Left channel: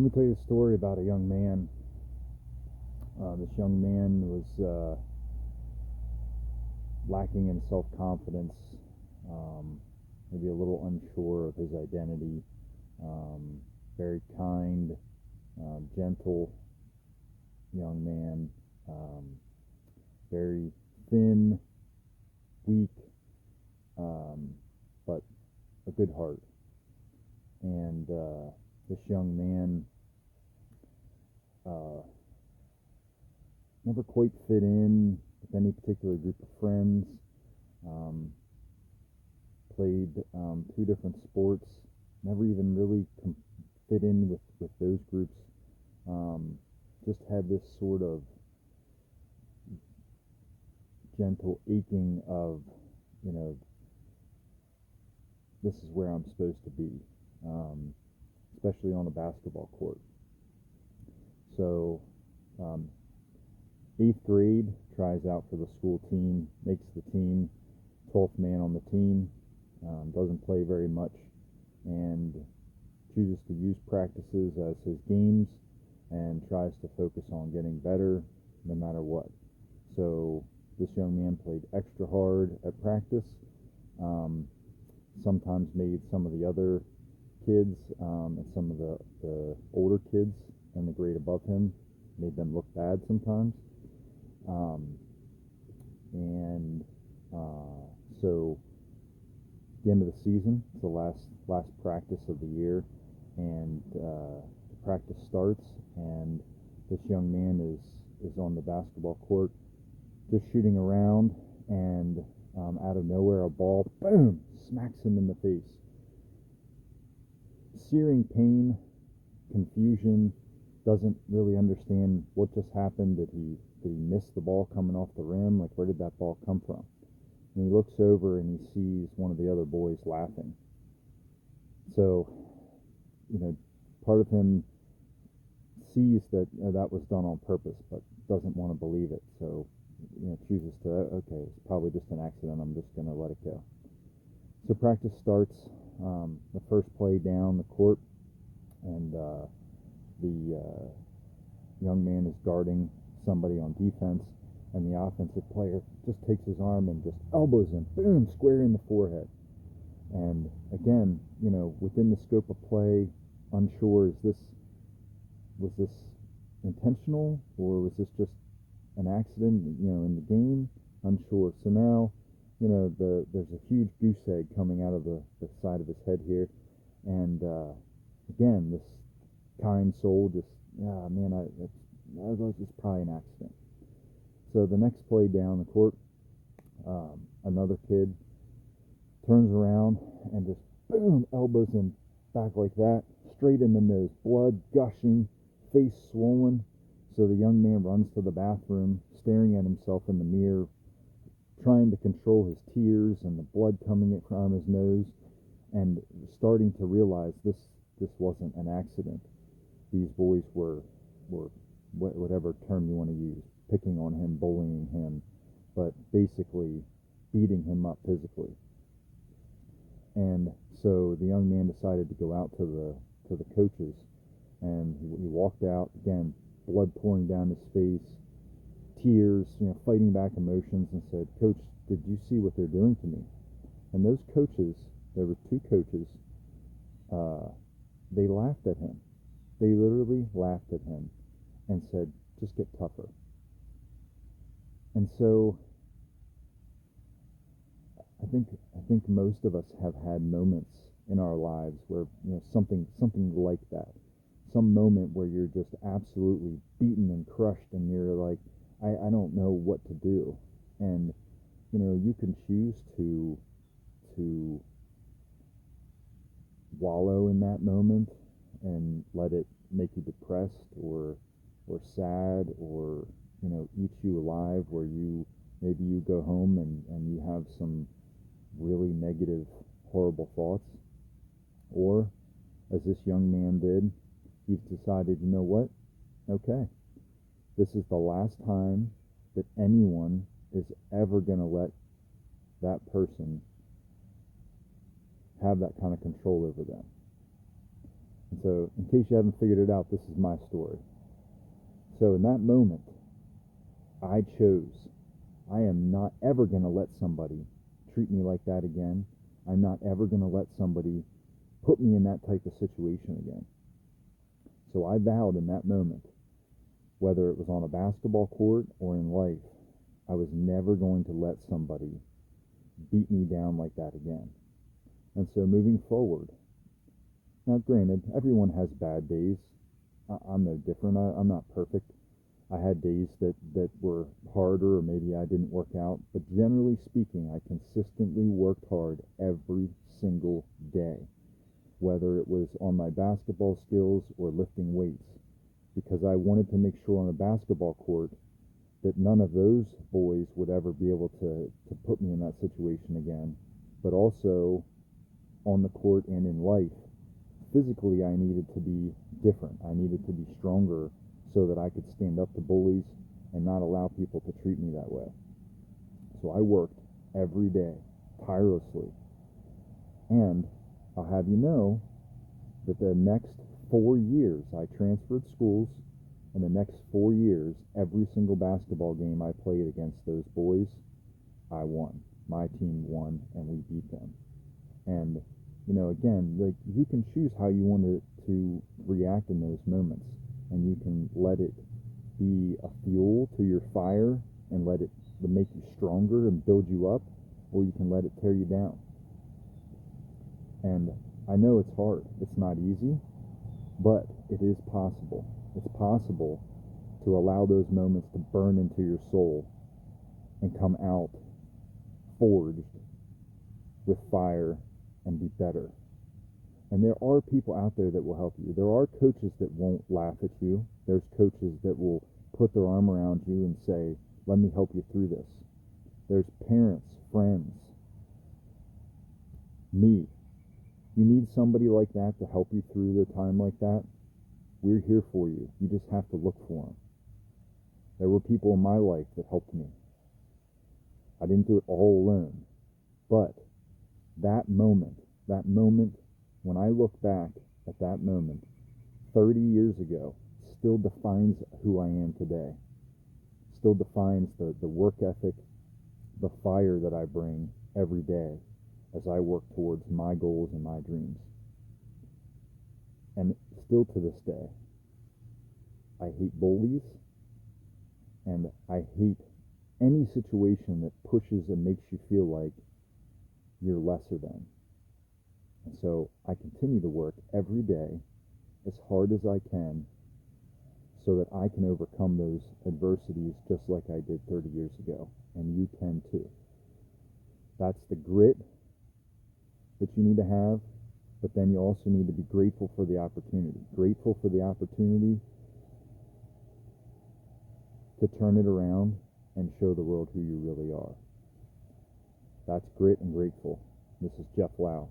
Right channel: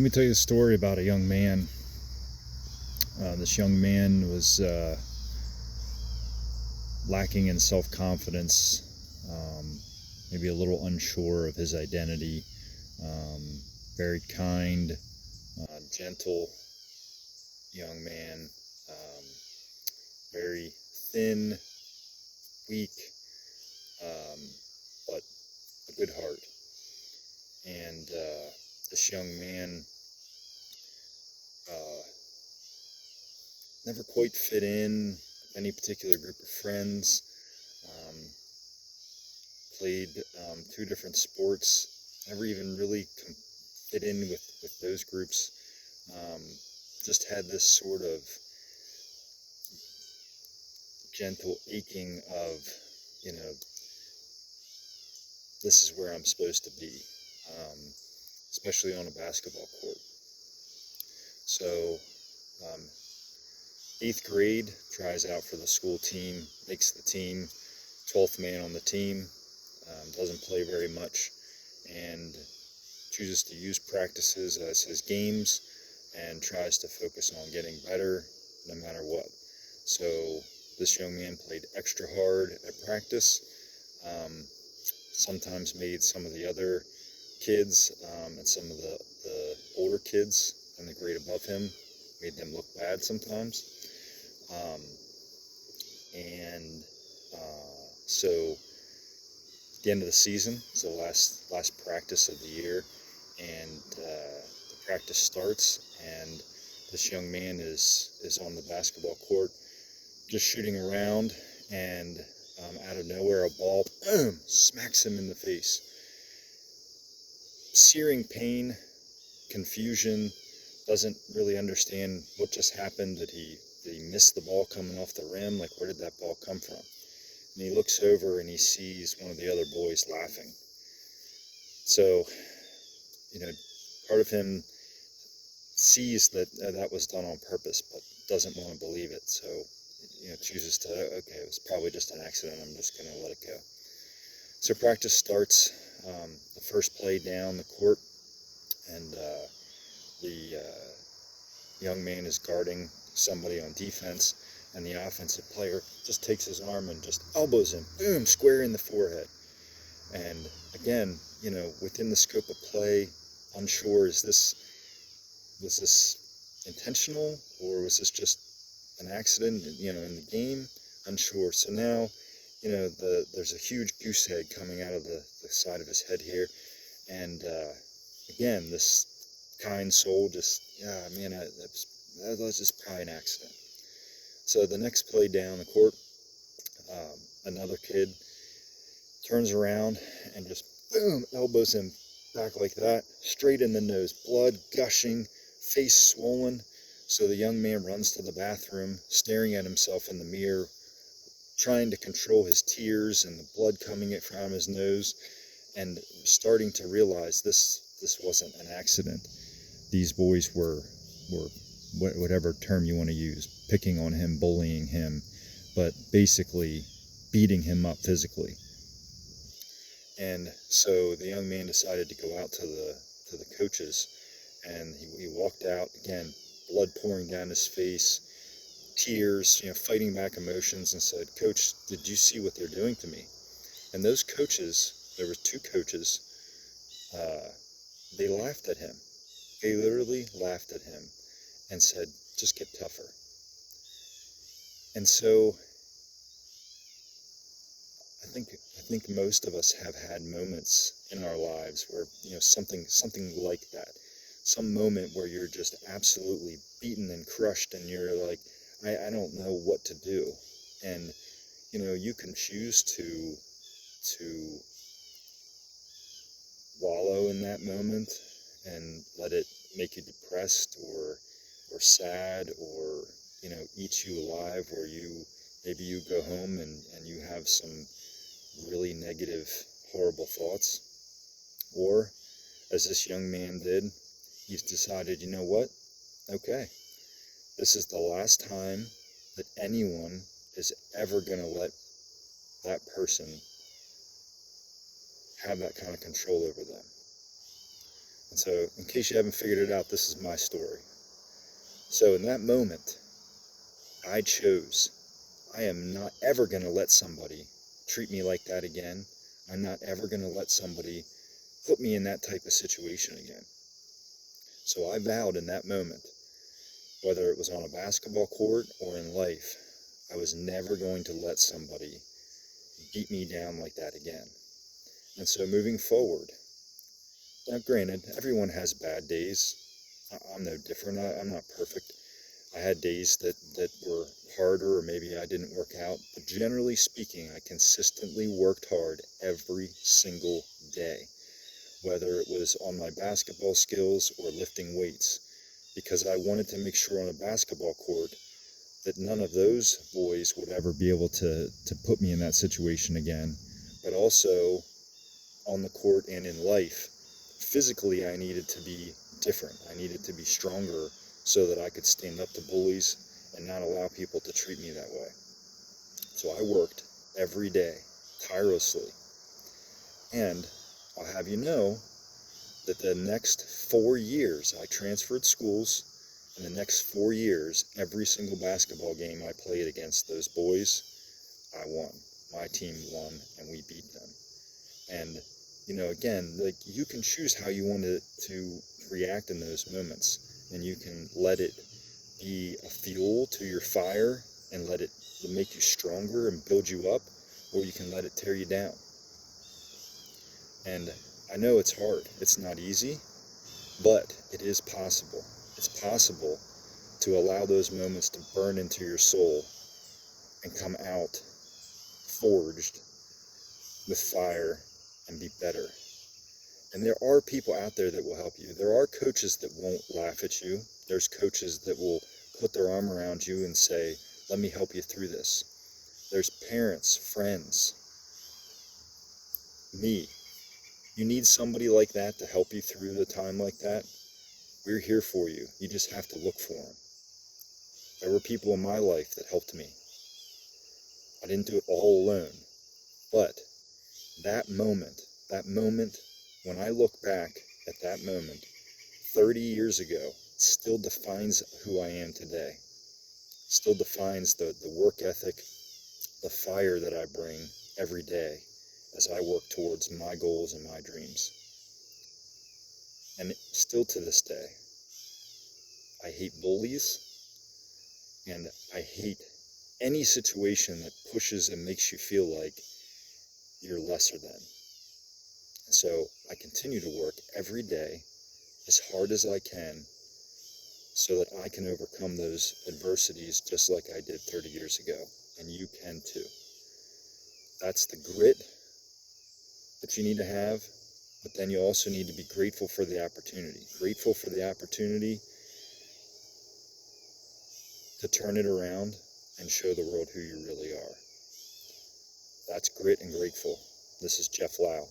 Let me tell you a story about a young man. This young man was lacking in self-confidence, maybe a little unsure of his identity, very kind, gentle young man, very thin, weak, but a good heart. And this young man never quite fit in with any particular group of friends. Played 2 different sports, never even really fit in with those groups. Just had this sort of gentle aching of, this is where I'm supposed to be, especially on a basketball court. So 8th grade, tries out for the school team, makes the team, 12th man on the team, doesn't play very much, and chooses to use practices as his games and tries to focus on getting better no matter what. So this young man played extra hard at practice, sometimes made some of the other kids and some of the older kids in the grade above him, made them look bad sometimes. So at the end of the season, it's the last practice of the year, and the practice starts, and this young man is on the basketball court just shooting around, and out of nowhere a ball, boom, smacks him in the face. Searing pain, confusion, doesn't really understand what just happened. Did he miss the ball coming off the rim? Like, where did that ball come from? And he looks over and he sees one of the other boys laughing. So, part of him sees that that was done on purpose, but doesn't want to believe it. So, chooses to, okay, it was probably just an accident. I'm just going to let it go. So practice starts, the first play down the court, and the young man is guarding somebody on defense, and the offensive player just takes his arm and just elbows him, boom, square in the forehead. And again, within the scope of play, unsure, was this intentional, or was this just an accident, in the game? Unsure. So now, there's a huge goose egg coming out of the side of his head here, and again, this kind soul just, that was just probably an accident. So the next play down the court, another kid turns around and just boom, elbows him back like that, straight in the nose, blood gushing, face swollen. So the young man runs to the bathroom, staring at himself in the mirror, trying to control his tears and the blood coming from his nose, and starting to realize this wasn't an accident. These boys were whatever term you want to use, picking on him, bullying him, but basically beating him up physically. And so the young man decided to go out to the coaches, and he walked out, again, blood pouring down his face, tears, fighting back emotions, and said, "Coach, did you see what they're doing to me?" And those coaches, there were 2 coaches, they laughed at him. They literally laughed at him and said, "Just get tougher." And so I think most of us have had moments in our lives where, something like that, some moment where you're just absolutely beaten and crushed, and you're like, I don't know what to do. And you can choose to wallow in that moment and let it make you depressed or sad, or eat you alive, where maybe you go home and you have some really negative, horrible thoughts. Or, as this young man did, he's decided, you know what, okay, this is the last time that anyone is ever going to let that person have that kind of control over them. And so, in case you haven't figured it out, this is my story. So in that moment, I chose, I am not ever going to let somebody treat me like that again. I'm not ever going to let somebody put me in that type of situation again. So I vowed in that moment, whether it was on a basketball court or in life, I was never going to let somebody beat me down like that again. And so moving forward, now granted, everyone has bad days. I'm no different. I'm not perfect. I had days that were harder, or maybe I didn't work out. But generally speaking, I consistently worked hard every single day, whether it was on my basketball skills or lifting weights, because I wanted to make sure on a basketball court that none of those boys would ever be able to put me in that situation again. But also on the court and in life, physically I needed to be different. I needed to be stronger so that I could stand up to bullies and not allow people to treat me that way. So I worked every day, tirelessly. And I'll have you know that the next 4 years I transferred schools, and the next 4 years, every single basketball game I played against those boys, I won. My team won, and we beat them. And, you know, again, like, you can choose how you want to react in those moments, and you can let it be a fuel to your fire and let it make you stronger and build you up, or you can let it tear you down. And I know it's hard. It's not easy, but it is possible. It's possible to allow those moments to burn into your soul and come out forged with fire and be better. And there are people out there that will help you. There are coaches that won't laugh at you. There's coaches that will put their arm around you and say, let me help you through this. There's parents, friends, me. You need somebody like that to help you through the time like that. We're here for you. You just have to look for them. There were people in my life that helped me. I didn't do it all alone. But that moment, when I look back at that moment 30 years ago, still defines who I am today. Still defines the work ethic, the fire that I bring every day as I work towards my goals and my dreams. And still to this day, I hate bullies, and I hate any situation that pushes and makes you feel like you're lesser than. And so I continue to work every day as hard as I can so that I can overcome those adversities just like I did 30 years ago. And you can too. That's the grit that you need to have, but then you also need to be grateful for the opportunity. Grateful for the opportunity to turn it around and show the world who you really are. That's grit and grateful. This is Jeff Lau.